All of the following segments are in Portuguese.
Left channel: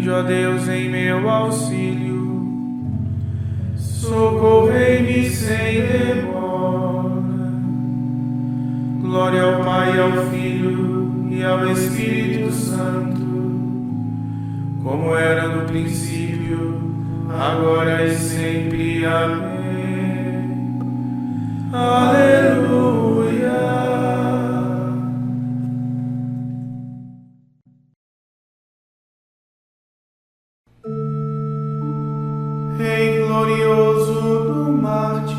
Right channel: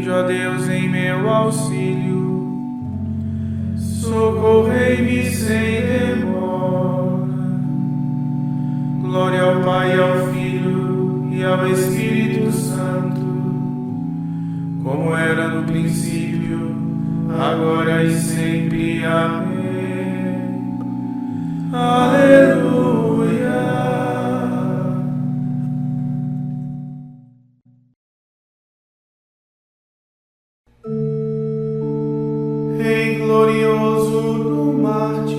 Vinde, ó Deus, em meu auxílio, socorrei-me sem demora. Glória ao Pai, ao Filho e ao Espírito Santo, como era no princípio, agora e sempre. Amém. Aleluia. Rei glorioso do Marte,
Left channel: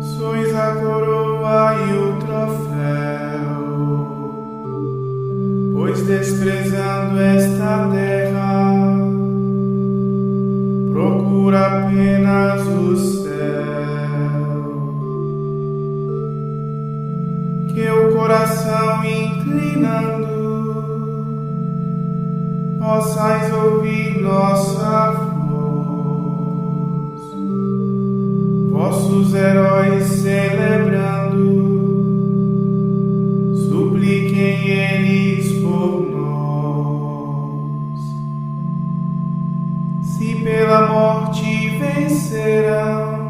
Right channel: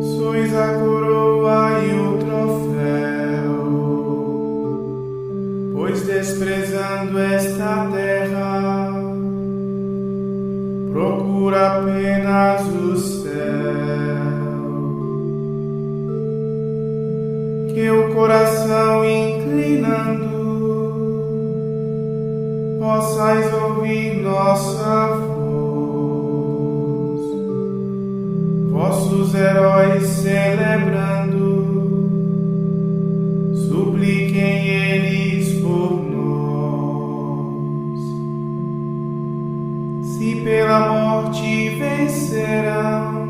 sois a coroa e o troféu, pois desprezando esta terra, procura apenas o céu. Que o coração inclinando, possais ouvir nossa voz, vossos heróis celebrando, supliquem eles por nós. Se pela morte vencerão,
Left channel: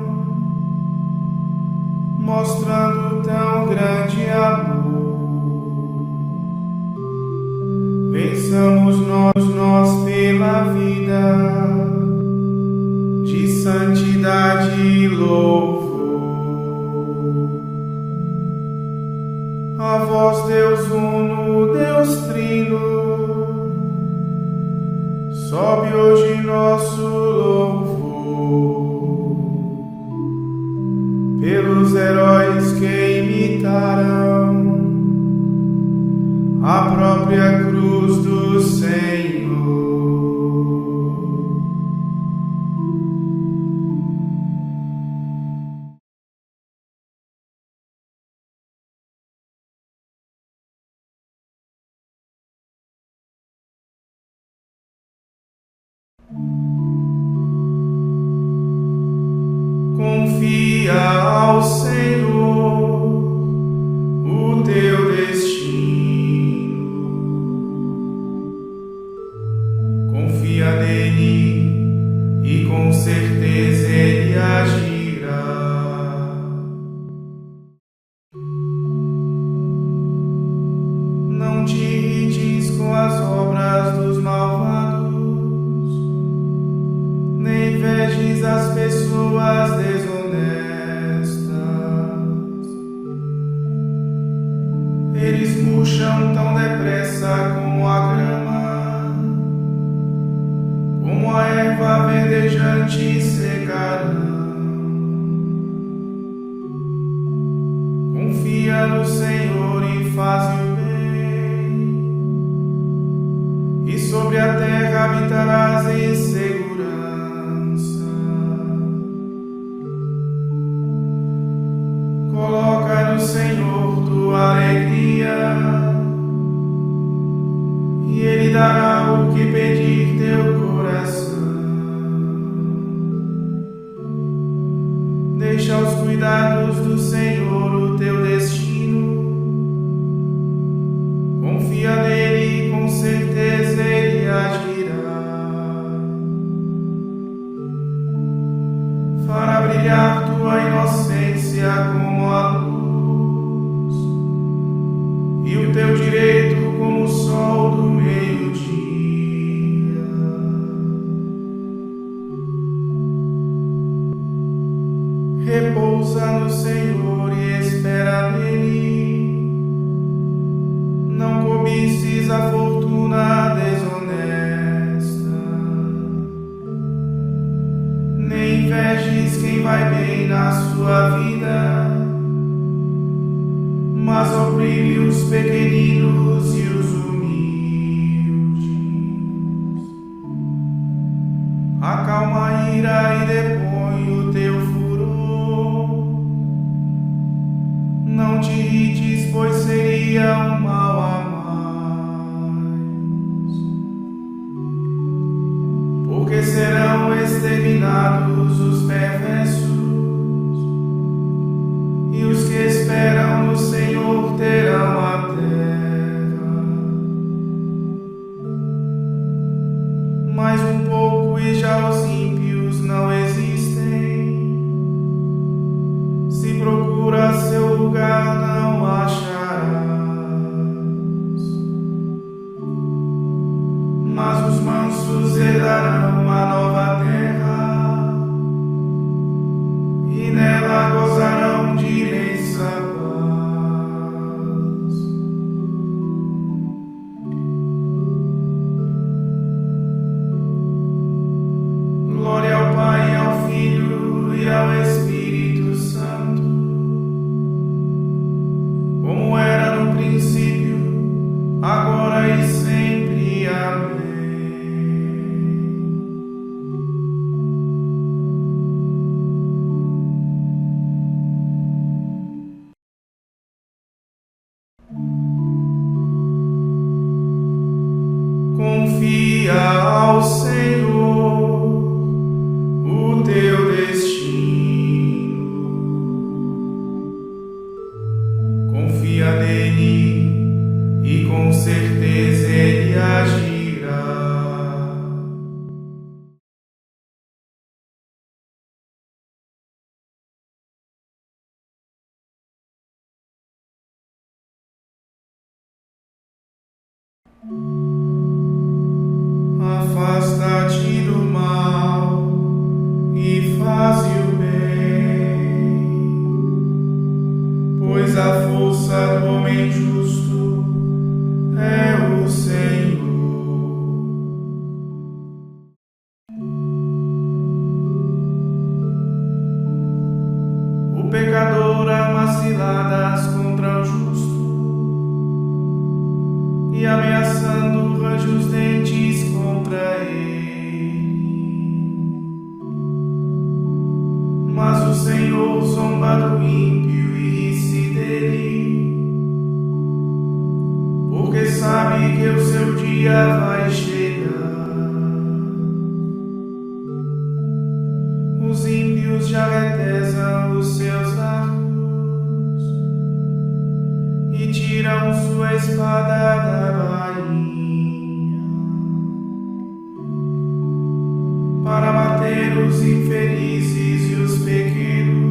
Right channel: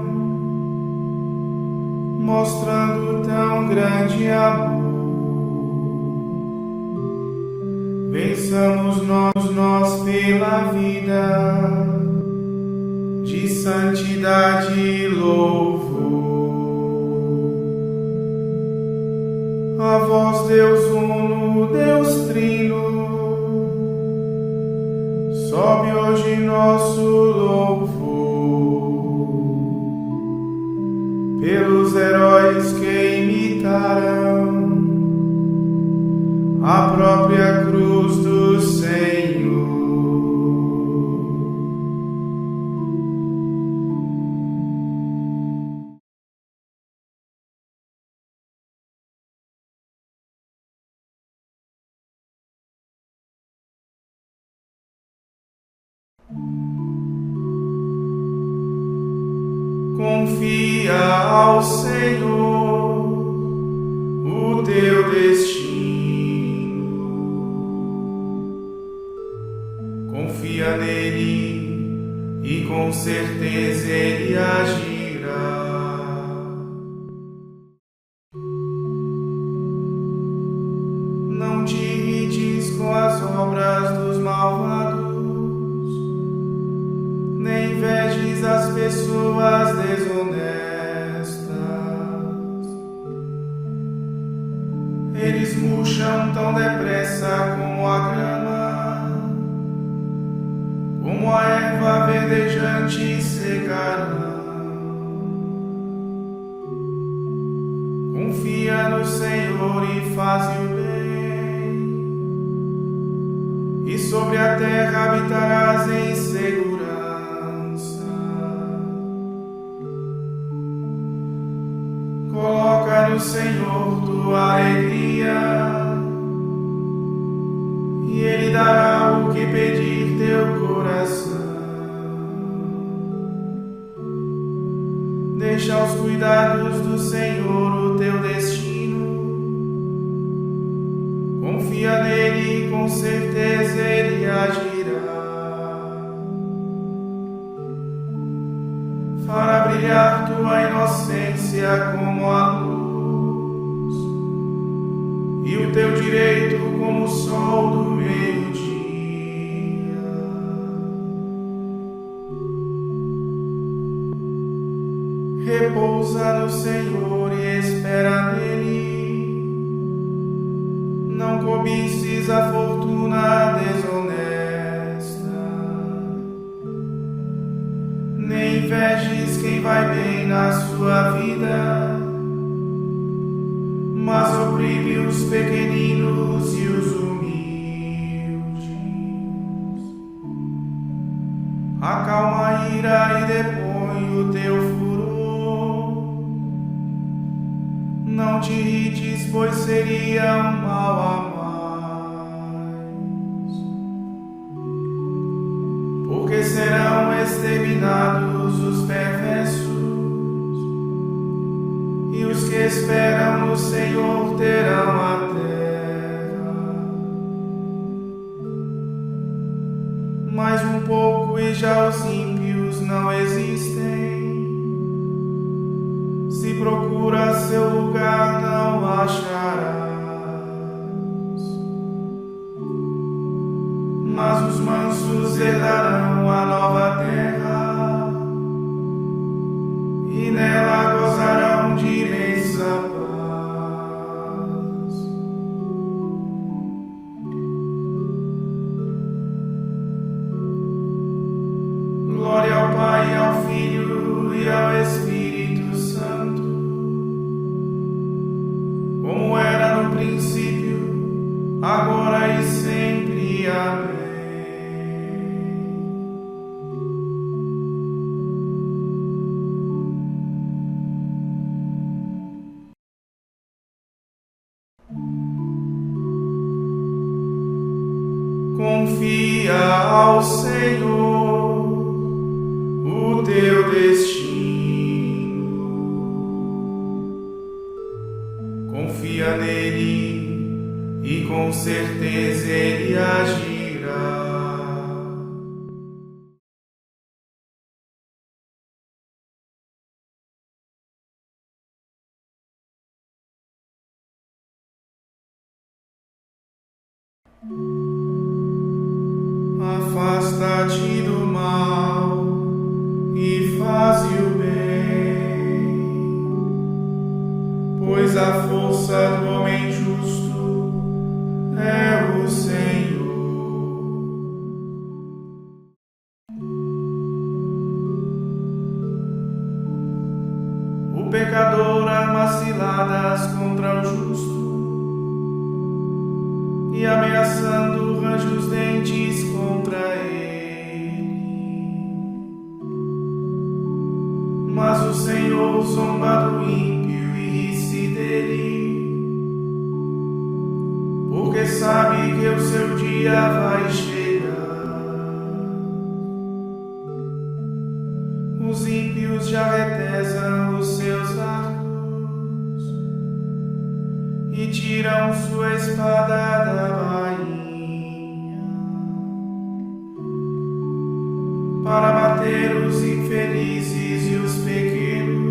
mostrando tão grande amor, vençamos nós pela vida de santidade e louvor. A vós, Deus uno, Deus trino, sobe hoje nosso louvor. Pelos heróis que imitaram a própria cruz do Senhor. Confia ao Senhor o teu destino. Confia nele e com certeza ele agirá. Não te irrites com as obras dos malvados, nem invejes as pessoas desonestas. Eles murcham tão depressa como a grama, como a erva verdejante secarão. Confia no Senhor e faze o bem, e sobre a terra habitarás em segurança. Coloca no Senhor tua alegria, e Ele dará o que pedir teu coração. Deixa aos cuidados do Senhor o teu destino. Confia nele e com certeza Ele agirá. Fará brilhar tua inocência como a luz, e o teu direito como o sol do meio-dia. Repousa no Senhor e espera nele. Não cobices a fortuna desonesta, nem invejes quem vai bem na sua vida, mas oprime os pequeninos e os humildes. Acalma a ira e depõe o teu furor. Não te irrites, pois seria um mal a mais, porque serão exterminados os perversos, e os que esperam no Senhor terão a terra. mais um pouco e já os ímpios não existem. Se procura seu lugar, não acharás. Mas os mansos herdarão a nova terra e nela gozarão de imensa paz. Glória ao Pai, ao Filho e ao Espírito Santo, como era no princípio, agora e sempre. Amém. Confia ao Senhor o teu destino. Confia nele e com certeza ele agirá. Afasta-te do mal e faze o bem, pois a força do homem justo é o Senhor. O pecador arma ciladas contra o justo e ameaçando range os dentes contra ele. Mas o Senhor zomba do ímpio e ri-se dele, porque sabe que o seu dia vai chegar. Os ímpios já retesam os seus arcos e tiram sua espada da bainha para bater os infelizes e os pequenos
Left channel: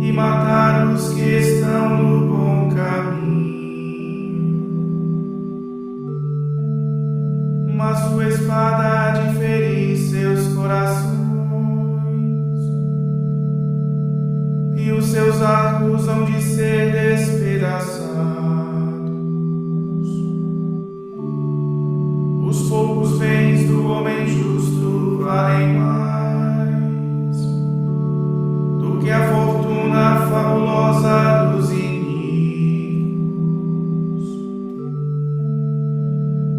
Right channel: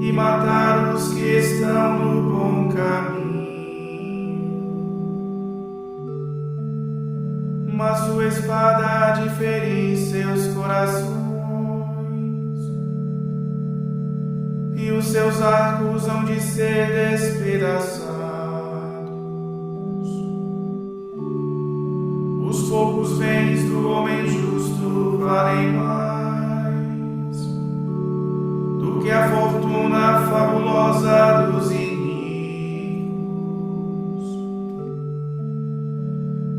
e matar os que estão no bom caminho. Mas sua espada há de ferir seus corações e os seus arcos hão de ser despedaçados. Os poucos bens do homem justo valem mais do que a fortuna fabulosa dos iníquos,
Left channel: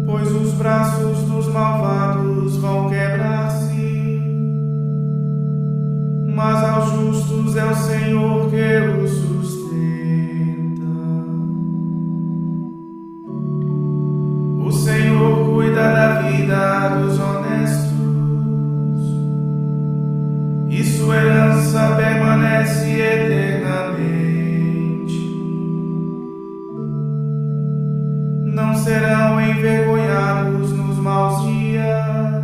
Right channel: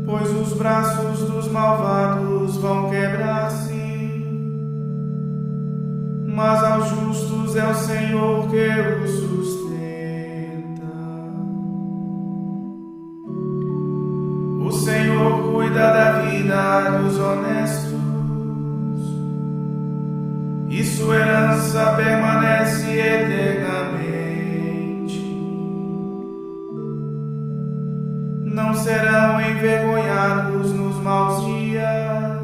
pois os braços dos malvados vão quebrar-se, mas aos justos é o Senhor que os sustenta. O Senhor cuida da vida dos honestos e sua herança permanece eternamente. Não serão envergonhados nos maus dias,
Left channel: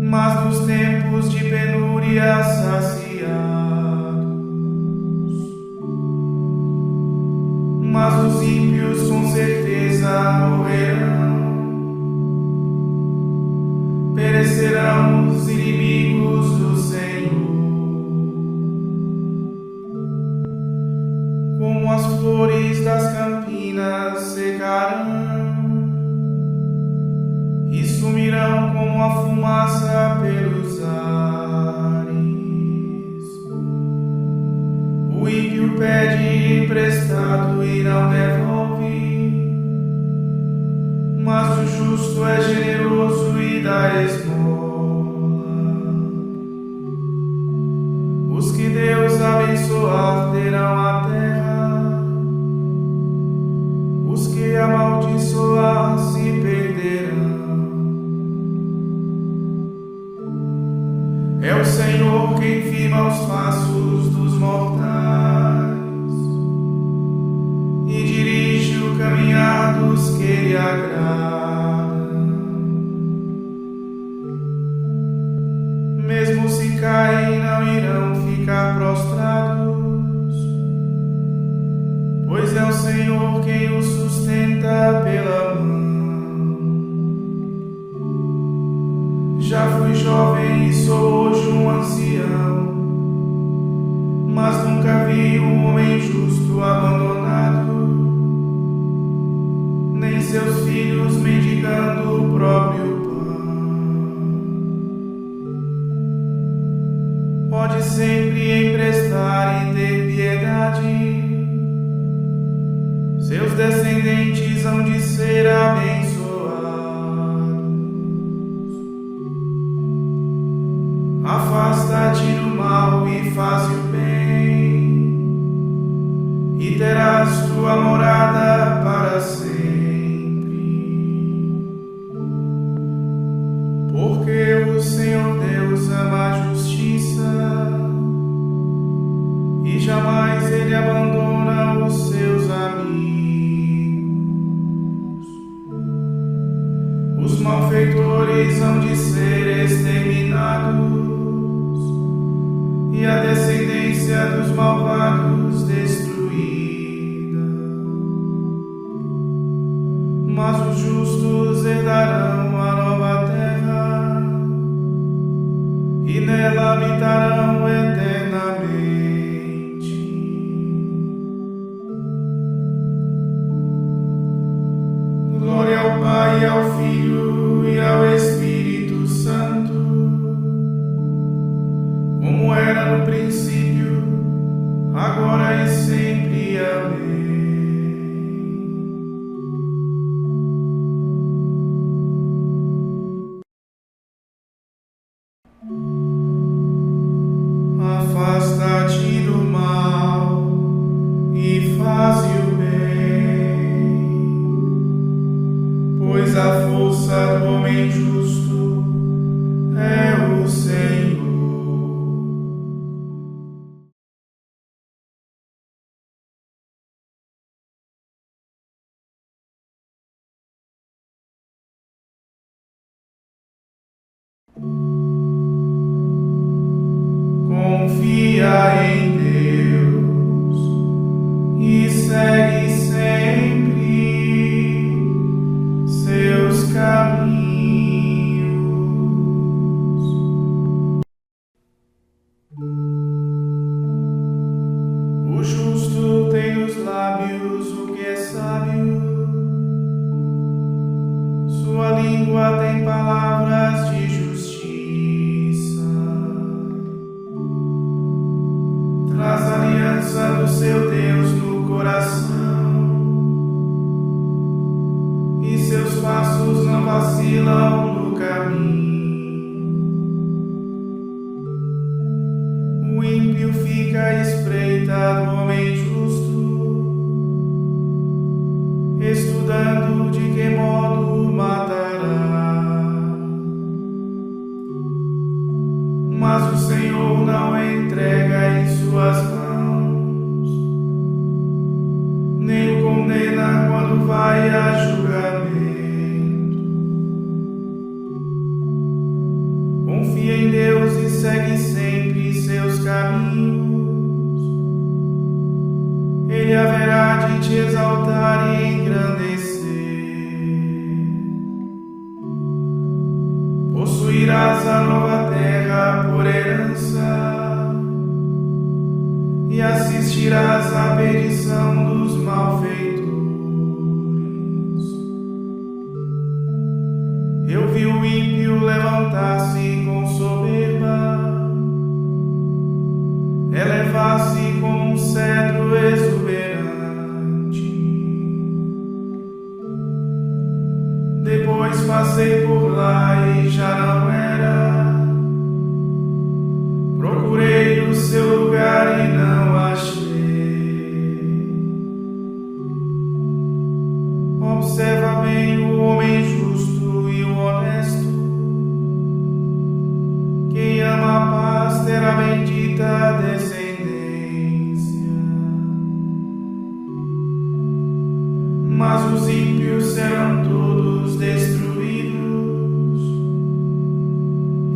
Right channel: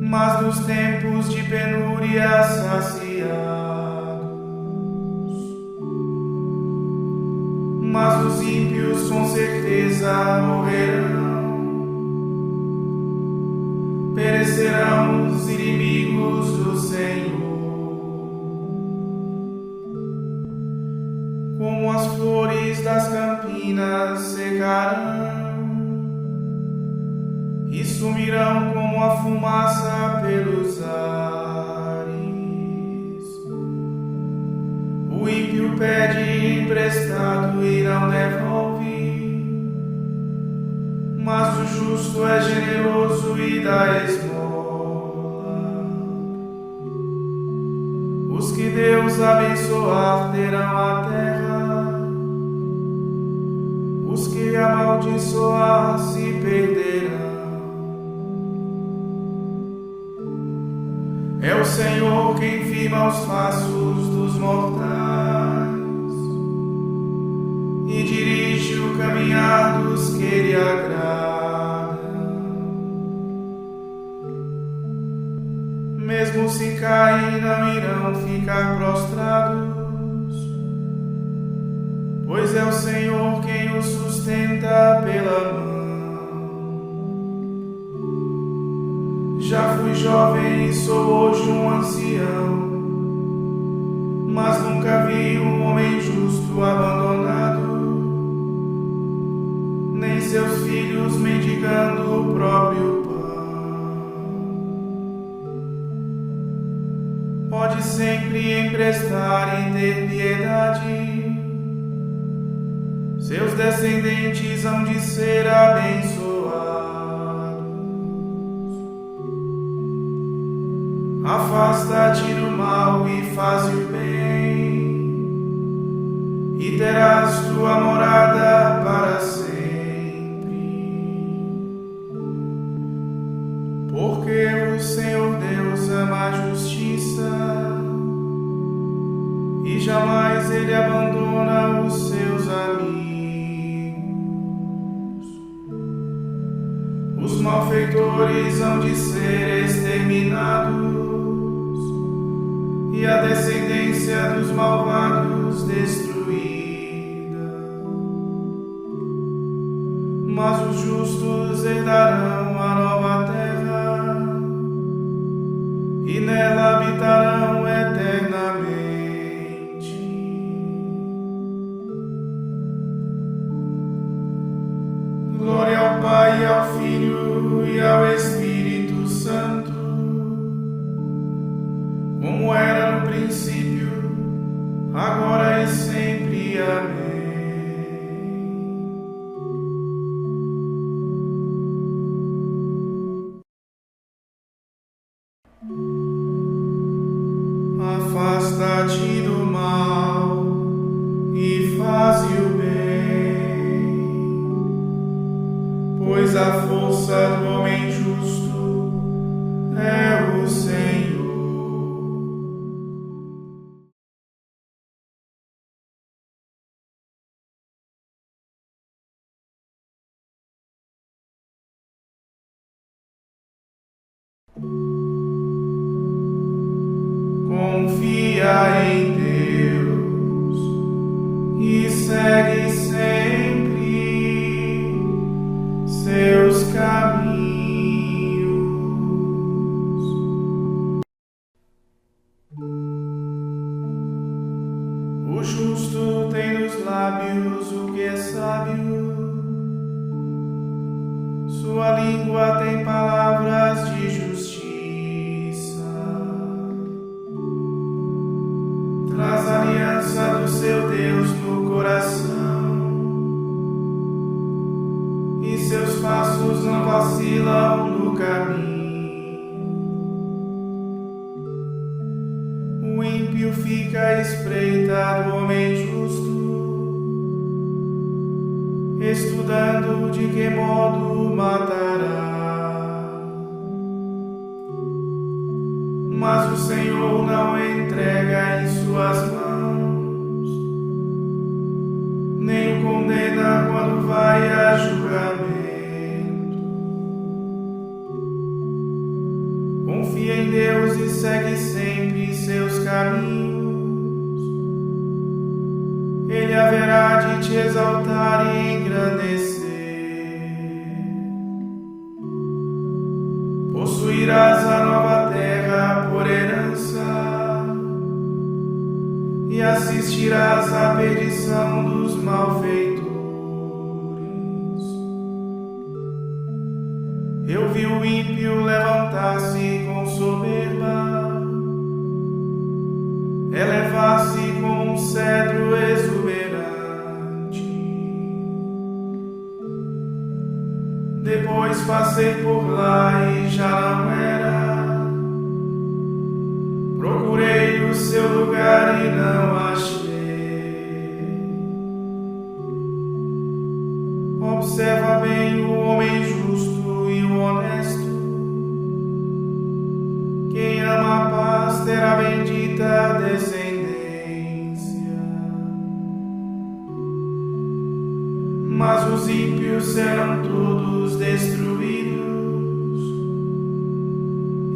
mas nos tempos de penúria saciados. Mas os ímpios com certeza morrerão, perecerão os inimigos do Senhor. Como as flores das campinas secarão e sumirão como a fumaça pelos ares. O ímpio pede emprestado e não devolve, mas o justo é generoso e dá esmola. Os que Deus abençoar terão a terra, os que amaldiçoar se perderão. É o Senhor quem firma os passos dos mortais e dirige o caminhar dos que lhe agradam. Mesmo se caem, não irão ficar prostrados, pois é o Senhor quem os sustenta pela mão. Já fui jovem e sou hoje um ancião, mas nunca vi um homem justo abandonado, nem seus filhos mendigando o próprio pão. Pode sempre emprestar e ter piedade, seus descendentes hão de ser abençoados. Afasta-te do mal e faze o bem, e terás tua morada para sempre. Porque o Senhor Deus ama a justiça, e jamais Ele abandona os seus amigos. Os malfeitores hão de ser exterminados, e a descendência dos malvados destruída. Mas os justos herdarão a nova terra, e nela habitarão eternamente. Glória ao Pai, ao Filho e ao Espírito Santo, como era no princípio, agora e sempre. Amém. Afasta-te do mal e faze o bem, pois a força do homem justo é o Senhor. Confia em Deus e segue sempre seus caminhos. O justo tem nos lábios o que é sábio, sua língua tem palavras de justiça. Traz a aliança do seu Deus no coração, e seus passos não vacilam no caminho. O ímpio fica à espreita do homem justo, estudando de que modo o matará. Mas o Senhor não entrega em suas mãos, nem o condena quando vai a julgamento. Confia em Deus e segue sempre seus caminhos. Ele haverá de te exaltar e engrandecer. Possuirás a nova terra por herança, e assistirás à perdição dos malfeitores. Eu vi o ímpio levantar-se com soberba, elevar-se como um cedro exuberante. Depois passei por lá e já não era. Procurei o seu lugar e não achei. Observa bem o homem justo e o honesto. Quem ama a paz terá bendita descendência. mas os ímpios serão todos destruídos,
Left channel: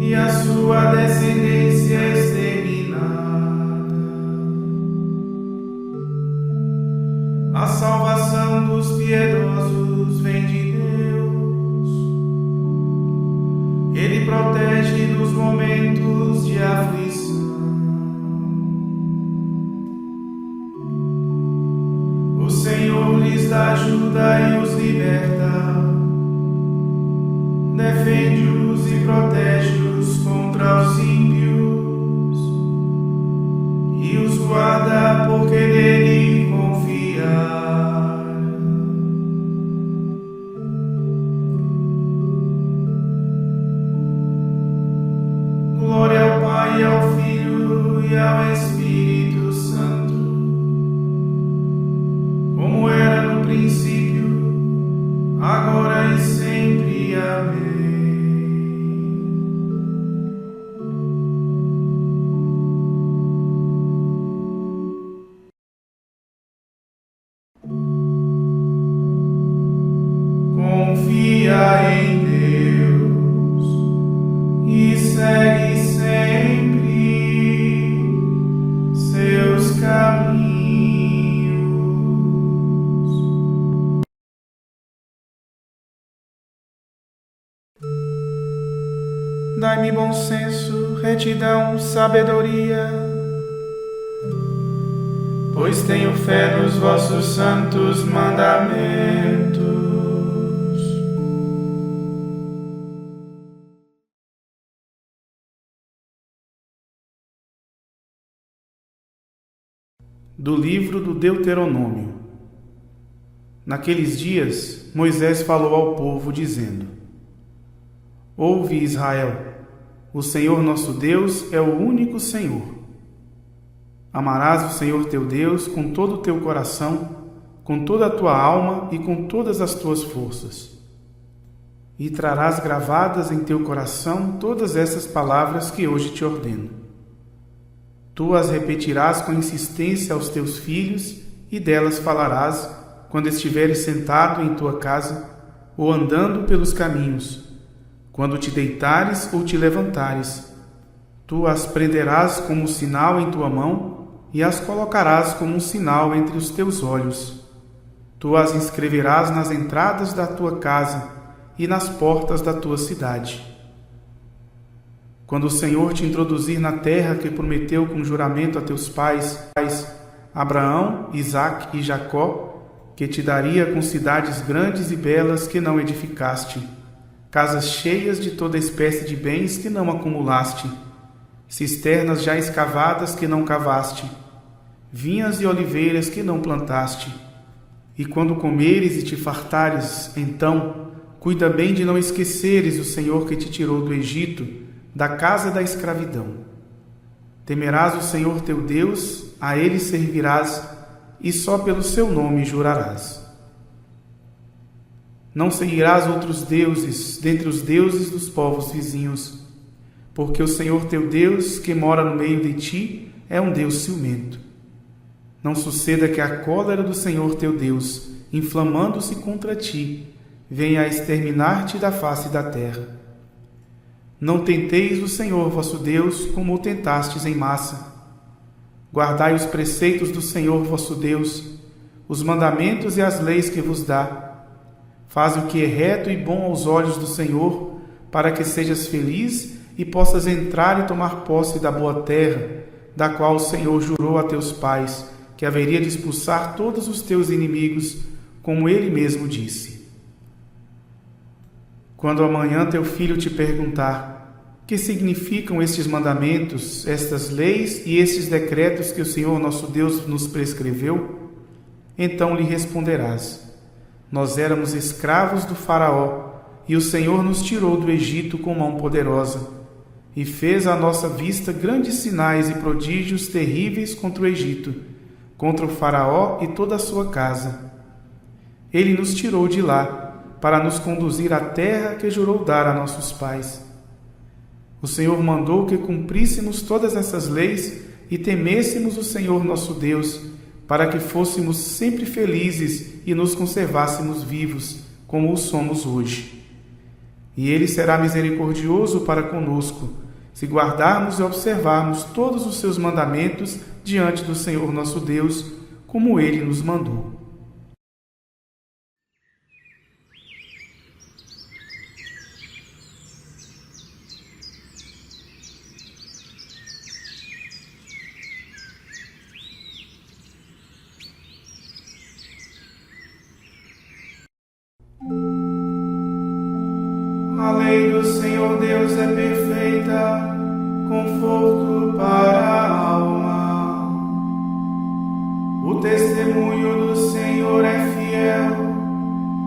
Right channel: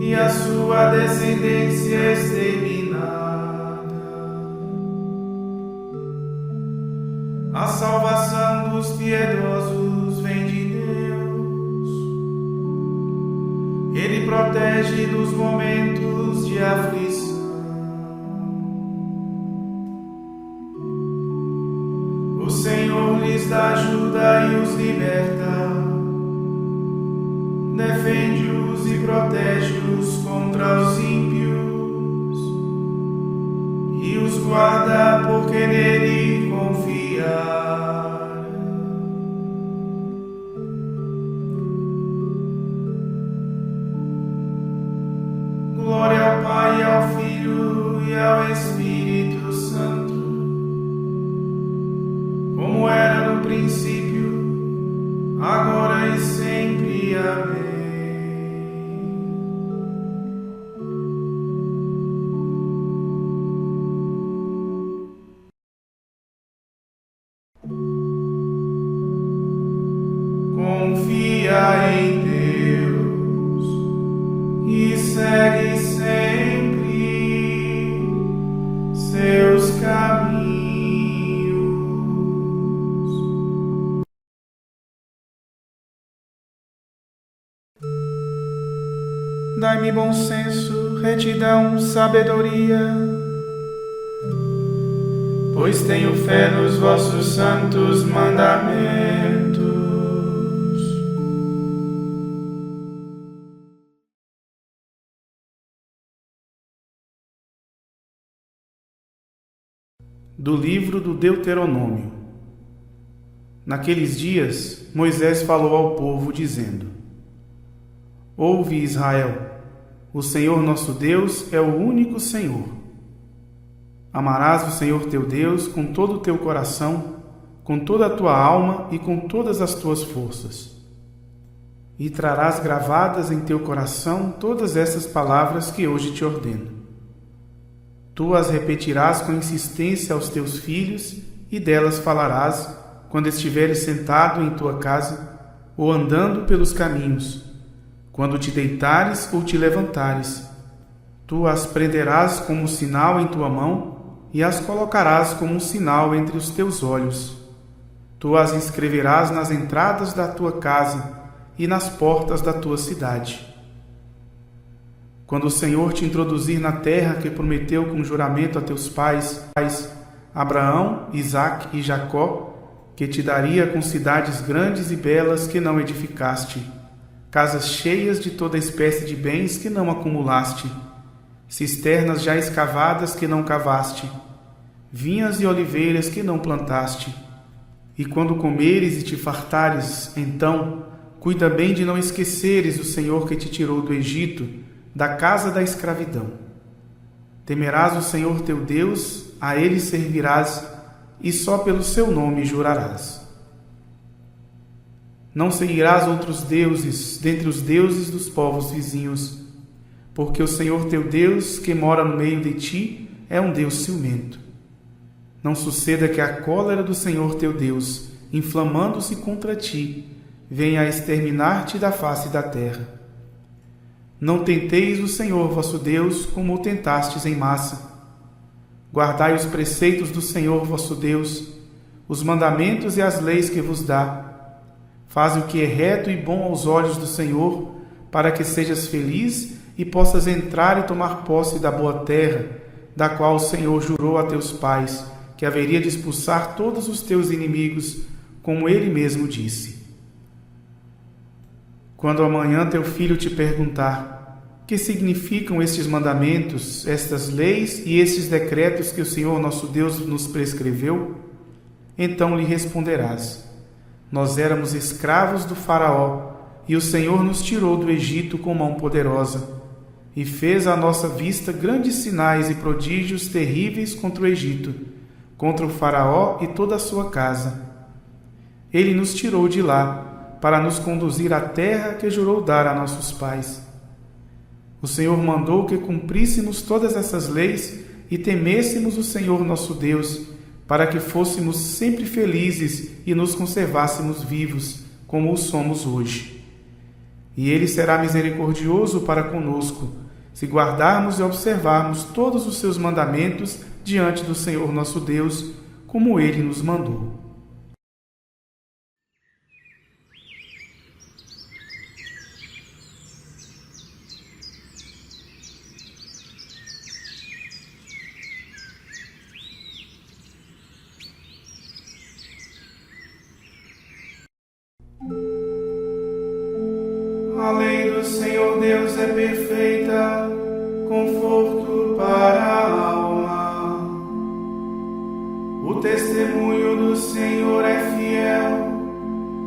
e a sua descendência exterminada. A salvação dos piedosos vem de Deus. Ele protege nos momentos de aflição. O Senhor lhes dá ajuda e os liberta. Defende-os e protege-os contra os ímpios, e os guarda porque nele confiaram. Glória ao Pai, e ao Filho e ao Espírito Santo, como era no princípio, agora e sempre. Amém. Confia em Deus e segue sempre seus caminhos. Dai-me bom senso, retidão, sabedoria, pois tenho fé nos vossos santos mandamentos. Do livro do Deuteronômio. Naqueles dias, Moisés falou ao povo, dizendo: Ouve, Israel, o Senhor nosso Deus é o único Senhor. Amarás o Senhor teu Deus com todo o teu coração, com toda a tua alma e com todas as tuas forças. E trarás gravadas em teu coração todas essas palavras que hoje te ordeno. Tu as repetirás com insistência aos teus filhos e delas falarás quando estiveres sentado em tua casa ou andando pelos caminhos, quando te deitares ou te levantares. Tu as prenderás como sinal em tua mão e as colocarás como um sinal entre os teus olhos. Tu as inscreverás nas entradas da tua casa e nas portas da tua cidade. Quando o Senhor te introduzir na terra que prometeu com juramento a teus pais, Abraão, Isaque e Jacó, que te daria com cidades grandes e belas que não edificaste, casas cheias de toda espécie de bens que não acumulaste, cisternas já escavadas que não cavaste, vinhas e oliveiras que não plantaste. E quando comeres e te fartares, então, cuida bem de não esqueceres o Senhor que te tirou do Egito, da casa da escravidão. Temerás o Senhor teu Deus, a ele servirás, e só pelo seu nome jurarás. Não seguirás outros deuses dentre os deuses dos povos vizinhos, porque o Senhor teu Deus, que mora no meio de ti, é um Deus ciumento. Não suceda que a cólera do Senhor teu Deus, inflamando-se contra ti, venha a exterminar-te da face da terra. Não tenteis o Senhor vosso Deus como o tentastes em massa. Guardai os preceitos do Senhor vosso Deus, os mandamentos e as leis que vos dá. Faz o que é reto e bom aos olhos do Senhor, para que sejas feliz e possas entrar e tomar posse da boa terra, da qual o Senhor jurou a teus pais, que haveria de expulsar todos os teus inimigos, como ele mesmo disse. Quando amanhã teu filho te perguntar: que significam estes mandamentos, estas leis e estes decretos que o Senhor nosso Deus nos prescreveu? Então lhe responderás: nós éramos escravos do Faraó, e o Senhor nos tirou do Egito com mão poderosa, e fez à nossa vista grandes sinais e prodígios terríveis contra o Egito, contra o Faraó e toda a sua casa. Ele nos tirou de lá, para nos conduzir à terra que jurou dar a nossos pais. O Senhor mandou que cumpríssemos todas essas leis e temêssemos o Senhor nosso Deus, para que fôssemos sempre felizes e nos conservássemos vivos, como o somos hoje. E Ele será misericordioso para conosco, se guardarmos e observarmos todos os seus mandamentos diante do Senhor nosso Deus, como Ele nos mandou. A lei do Senhor Deus é perfeita, conforto para a alma. O testemunho do Senhor é fiel,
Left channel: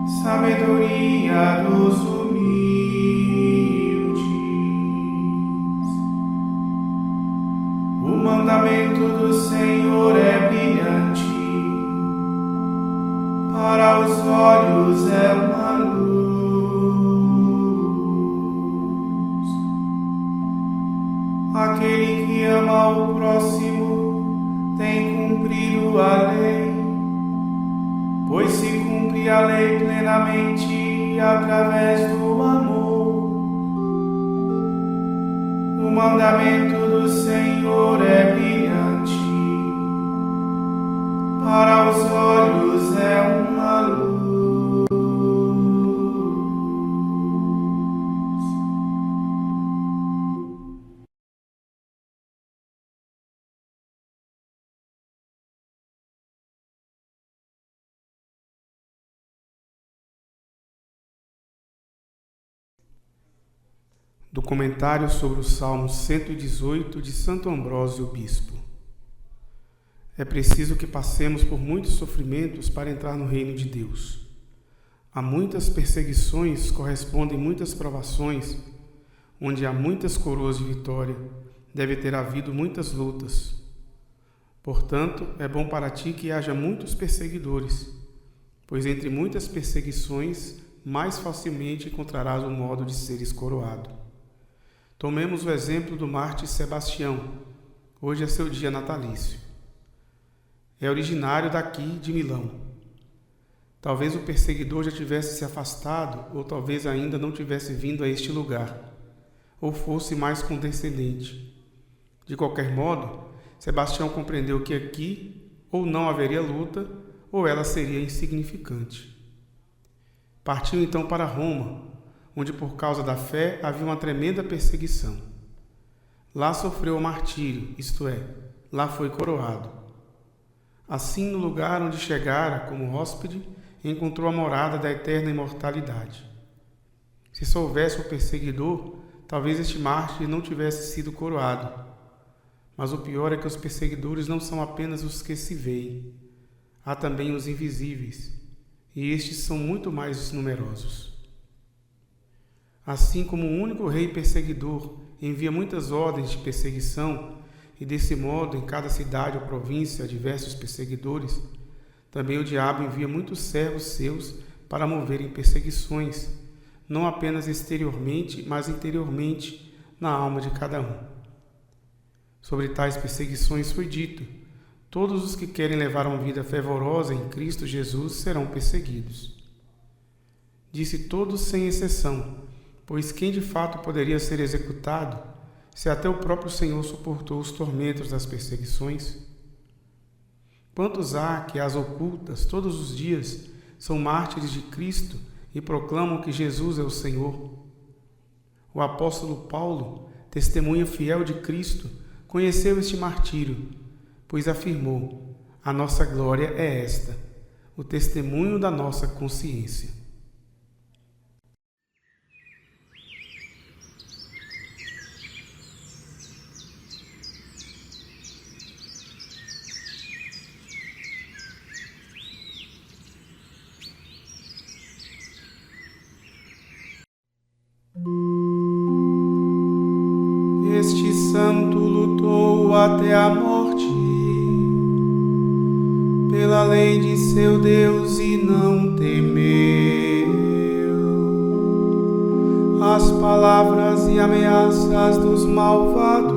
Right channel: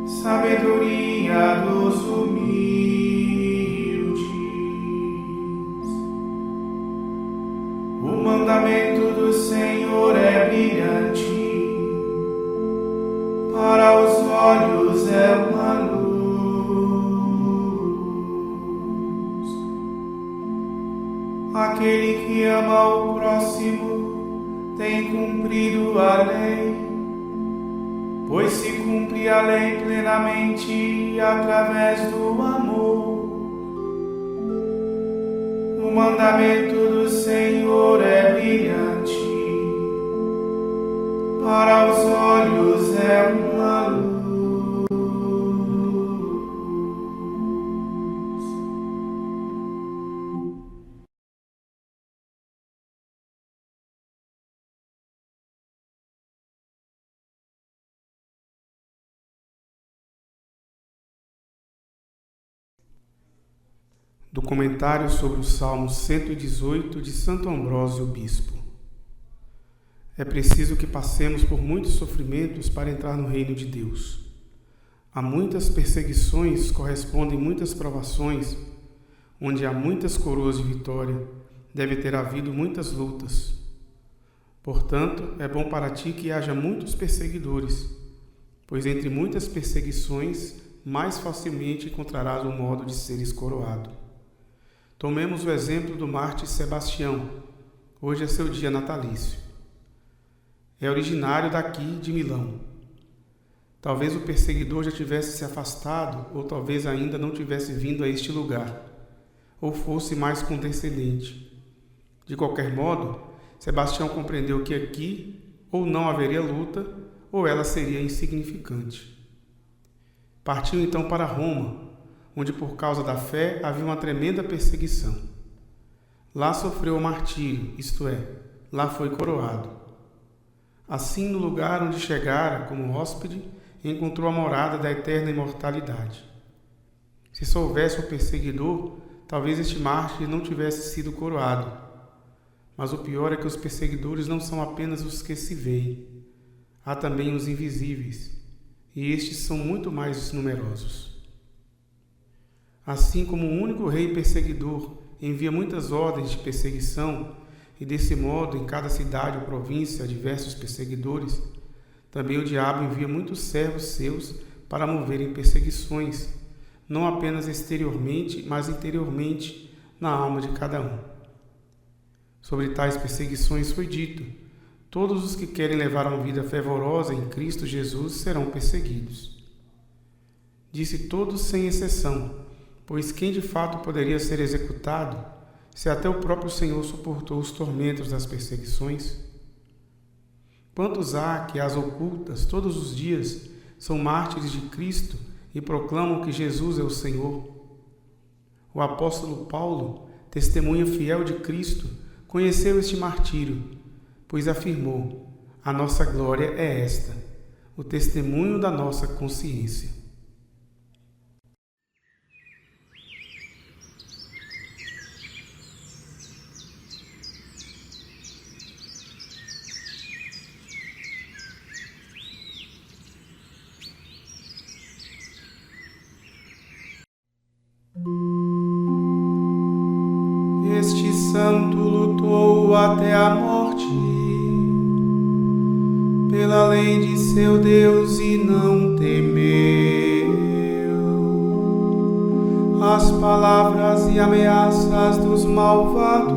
sabedoria dos humildes. O mandamento do Senhor é brilhante, para os olhos é uma luz. Aquele que ama o próximo tem cumprido a lei, pois se cumpre a lei plenamente através do amor. O mandamento do Senhor é brilhante, para os olhos é uma luz. Do comentário sobre o Salmo 118 de Santo Ambrósio Bispo. É preciso que passemos por muitos sofrimentos para entrar no reino de Deus. A muitas perseguições correspondem muitas provações, onde há muitas coroas de vitória, deve ter havido muitas lutas. Portanto, é bom para ti que haja muitos perseguidores, pois entre muitas perseguições, mais facilmente encontrarás o modo de seres coroado. Tomemos o exemplo do mártir Sebastião. Hoje é seu dia natalício. É originário daqui de Milão. Talvez o perseguidor já tivesse se afastado, ou talvez ainda não tivesse vindo a este lugar, ou fosse mais condescendente. De qualquer modo, Sebastião compreendeu que aqui ou não haveria luta, ou ela seria insignificante. Partiu então para Roma, onde por causa da fé havia uma tremenda perseguição. Lá sofreu o martírio, isto é, lá foi coroado. Assim, no lugar onde chegara como hóspede, encontrou a morada da eterna imortalidade. Se só houvesse um perseguidor, talvez este mártir não tivesse sido coroado. Mas o pior é que os perseguidores não são apenas os que se veem. Há também os invisíveis, e estes são muito mais numerosos. Assim como o único rei perseguidor envia muitas ordens de perseguição, e desse modo em cada cidade ou província há diversos perseguidores, também o diabo envia muitos servos seus para moverem perseguições, não apenas exteriormente, mas interiormente na alma de cada um. Sobre tais perseguições foi dito: todos os que querem levar uma vida fervorosa em Cristo Jesus serão perseguidos. Disse todos sem exceção, pois quem de fato poderia ser executado, se até o próprio Senhor suportou os tormentos das perseguições? Quantos há que às ocultas, todos os dias, são mártires de Cristo e proclamam que Jesus é o Senhor? O apóstolo Paulo, testemunha fiel de Cristo, conheceu este martírio, pois afirmou: a nossa glória é esta, o testemunho da nossa consciência. Este santo lutou até a morte, pela lei de seu Deus e não temeu as palavras e ameaças dos malvados,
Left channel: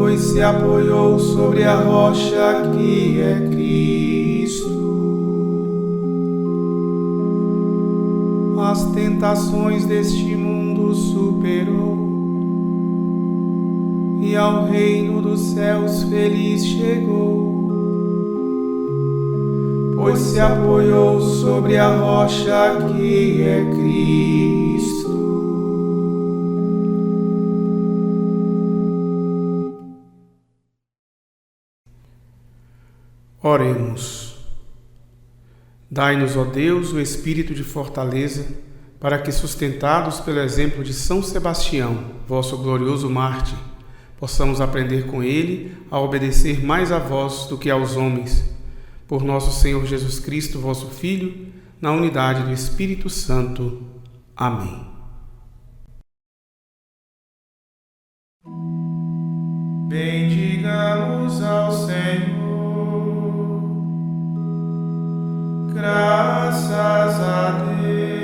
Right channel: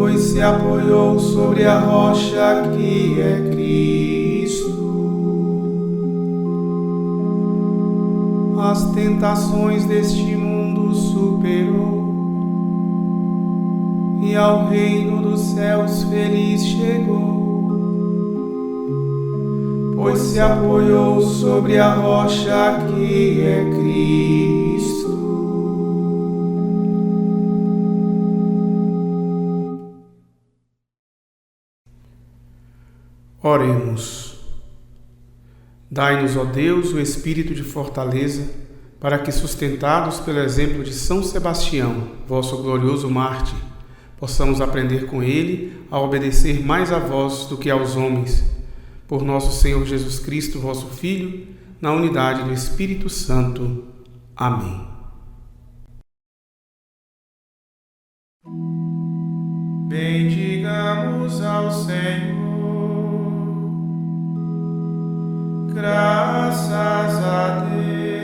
pois se apoiou sobre a rocha que é Cristo. As tentações deste mundo superou, e ao reino dos céus feliz chegou, pois se apoiou sobre a rocha que é Cristo. Oremos. Dai-nos, ó Deus, o espírito de fortaleza, para que, sustentados pelo exemplo de São Sebastião, vosso glorioso mártir, possamos aprender com ele a obedecer mais a vós do que aos homens. Por nosso Senhor Jesus Cristo, vosso Filho, na unidade do Espírito Santo. Amém. Bendigamos ao Senhor. Graças a Deus.